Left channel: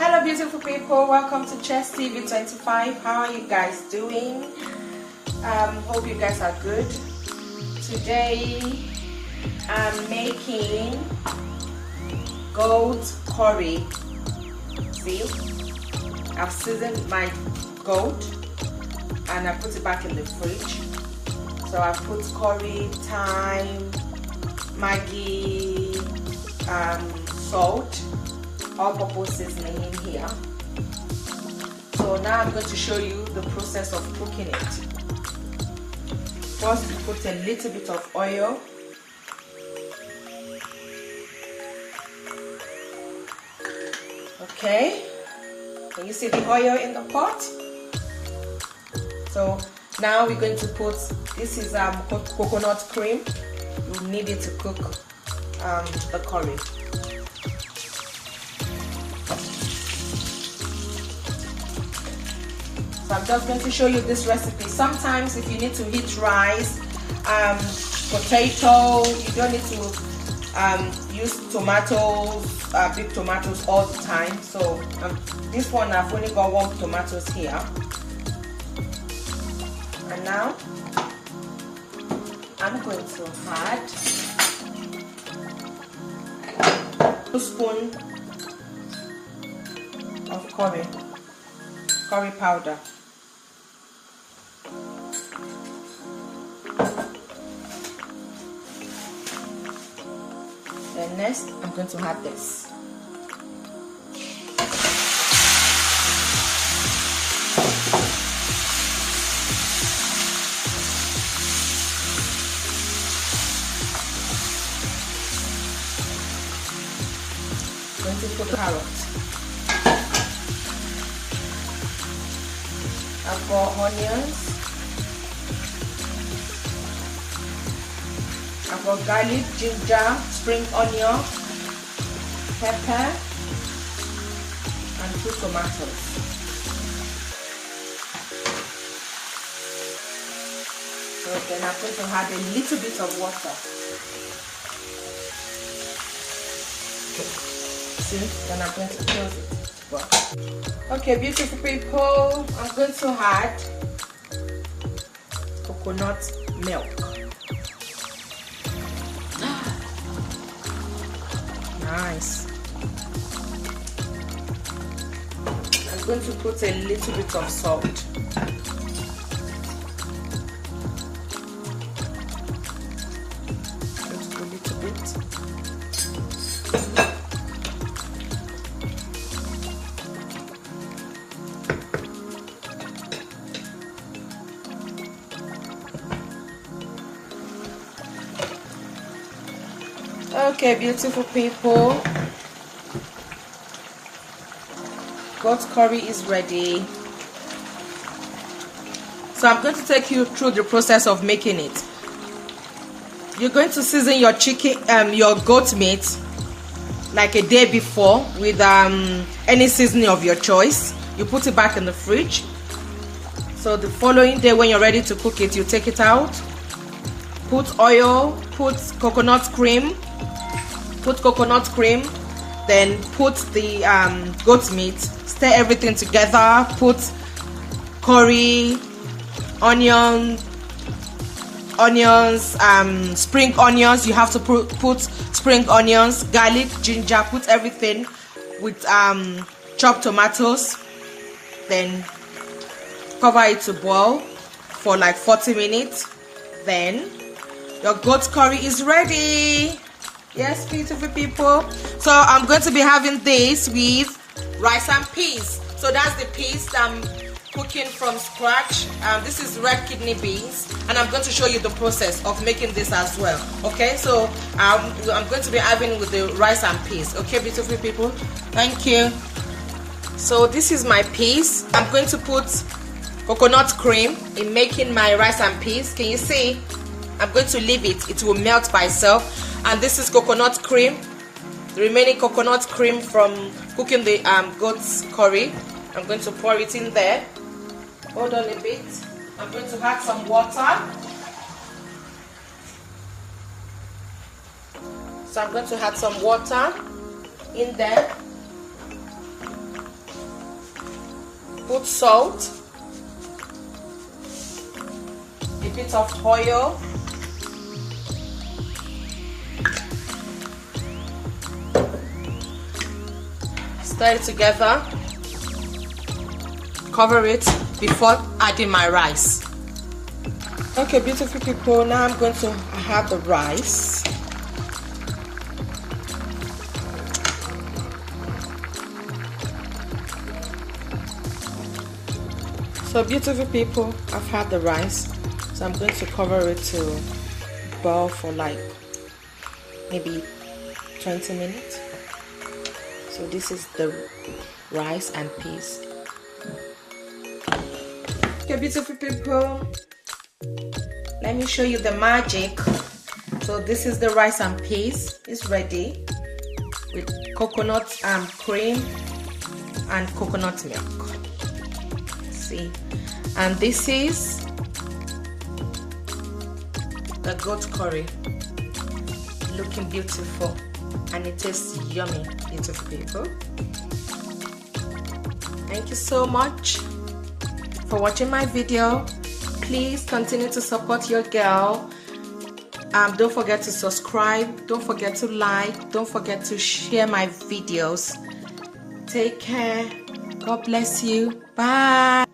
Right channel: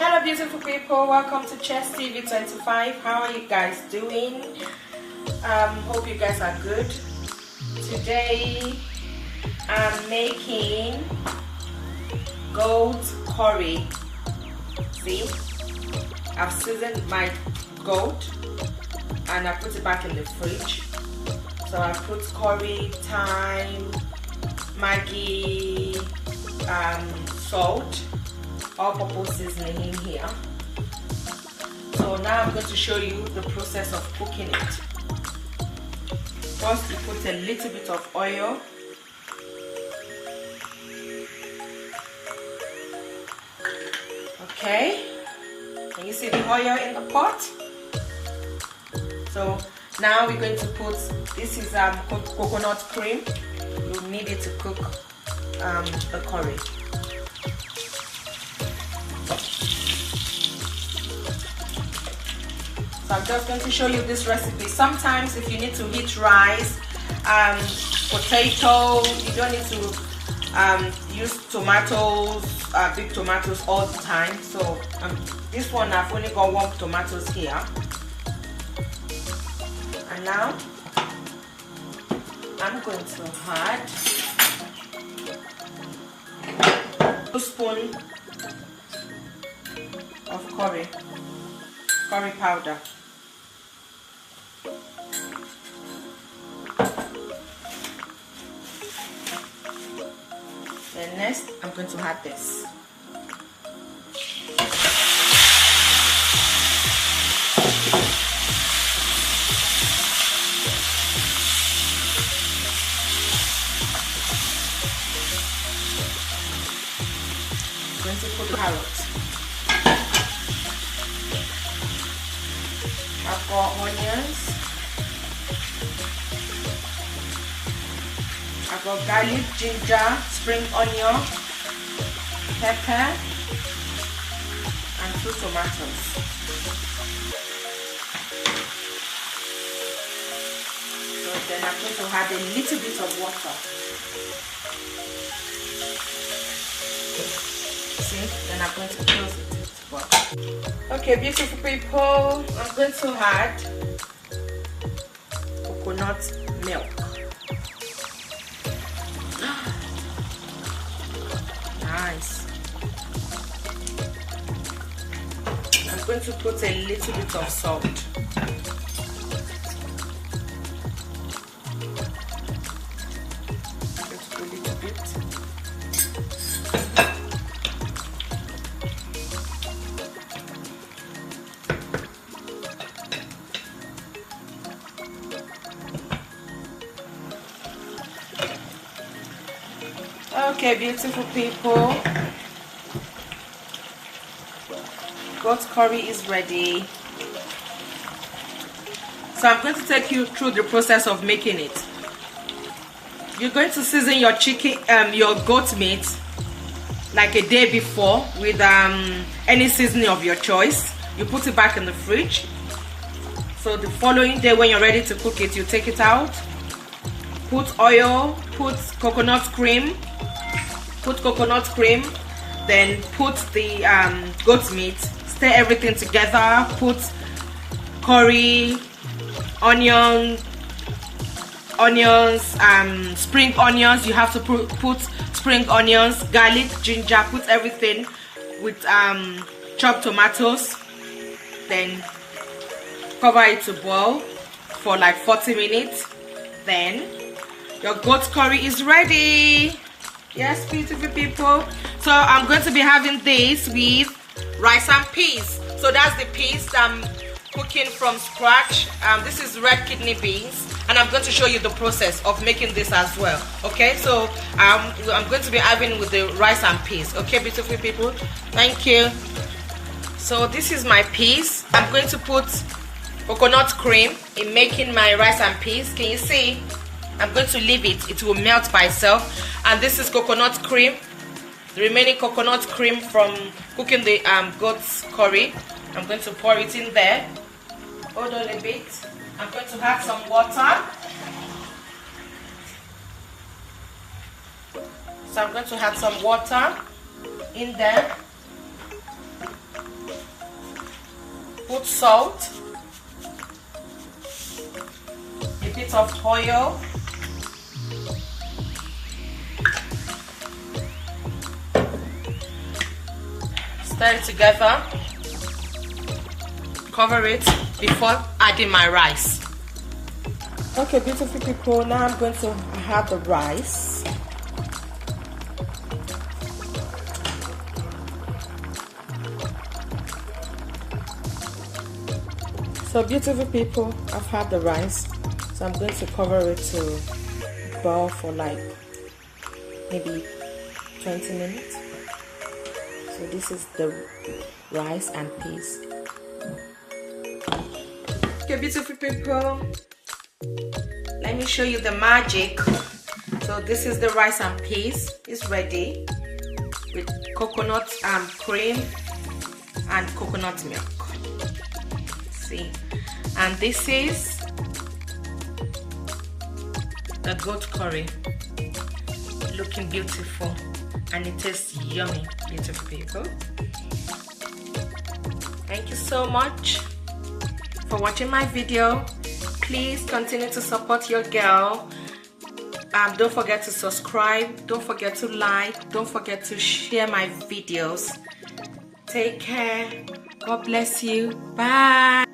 Hello beautiful people, welcome to Chess TV 25. How are you guys doing? Hope you guys are good. Today I'm making goat curry. See, I've seasoned my goat and I put it back in the fridge. So I put curry, thyme, Maggi, salt, all-purpose seasoning in here. So now I'm going to show you the process of cooking it. First, you put a little bit of oil. Okay, can you see the oil in the pot? So now we're going to put, this is coconut cream. You need it to cook the curry. So I'm just going to show you this recipe. Sometimes if you need to heat rice, potato, you don't need to use tomatoes, big tomatoes all the time. So this one I've only got 1 tomatoes here. And now I'm going to add 2 spoons of curry powder. Then next, I'm going to add this. I'm going to put carrots. I've got onions. I've got garlic, ginger, spring onion, pepper, and 2 tomatoes. So then I'm going to add a little bit of water. See, then I'm going to close it. Okay, beautiful people, I'm going to add coconut milk. Nice. I'm going to put a little bit of salt. Just a little bit. Okay, beautiful people, goat curry is ready. So I'm going to take you through the process of making it. You're going to season your chicken, your goat meat, like a day before with any seasoning of your choice. You put it back in the fridge. So the following day, when you're ready to cook it, you take it out. Put oil, put coconut cream. Then put the goat meat, stir everything together, put curry, onions, spring onions. You have to put spring onions, garlic, ginger, put everything with chopped tomatoes. Then cover it to boil for like 40 minutes. Then your goat curry is ready. Yes, beautiful people. So I'm going to be having this with rice and peas. So that's the peas I'm cooking from scratch. This is red kidney beans, and I'm going to show you the process of making this as well. Okay, so I'm going to be having with the rice and peas. Okay, beautiful people. Thank you. So this is my peas. I'm going to put coconut cream in making my rice and peas. Can you see? I'm going to leave it. It will melt by itself. And this is coconut cream, the remaining coconut cream from cooking the goat's curry. I'm going to pour it in there. Hold on a bit. I'm going to add some water. So I'm going to add some water in there. put salt, a bit of oil, stir it together, cover it before adding my rice. Okay, beautiful people, now I'm going to add the rice. So beautiful people, I've had the rice, so I'm going to cover it to boil for like maybe 20 minutes. So this is the rice and peas. Okay, beautiful people, let me show you the magic. So this is the rice and peas. It's ready with coconut cream and coconut milk. See, and this is the goat curry, looking beautiful, and it tastes yummy, beautiful people. Thank you so much for watching my video. Please continue to support your girl. Don't forget to subscribe, don't forget to like, don't forget to share my videos. Take care. God bless you. Bye.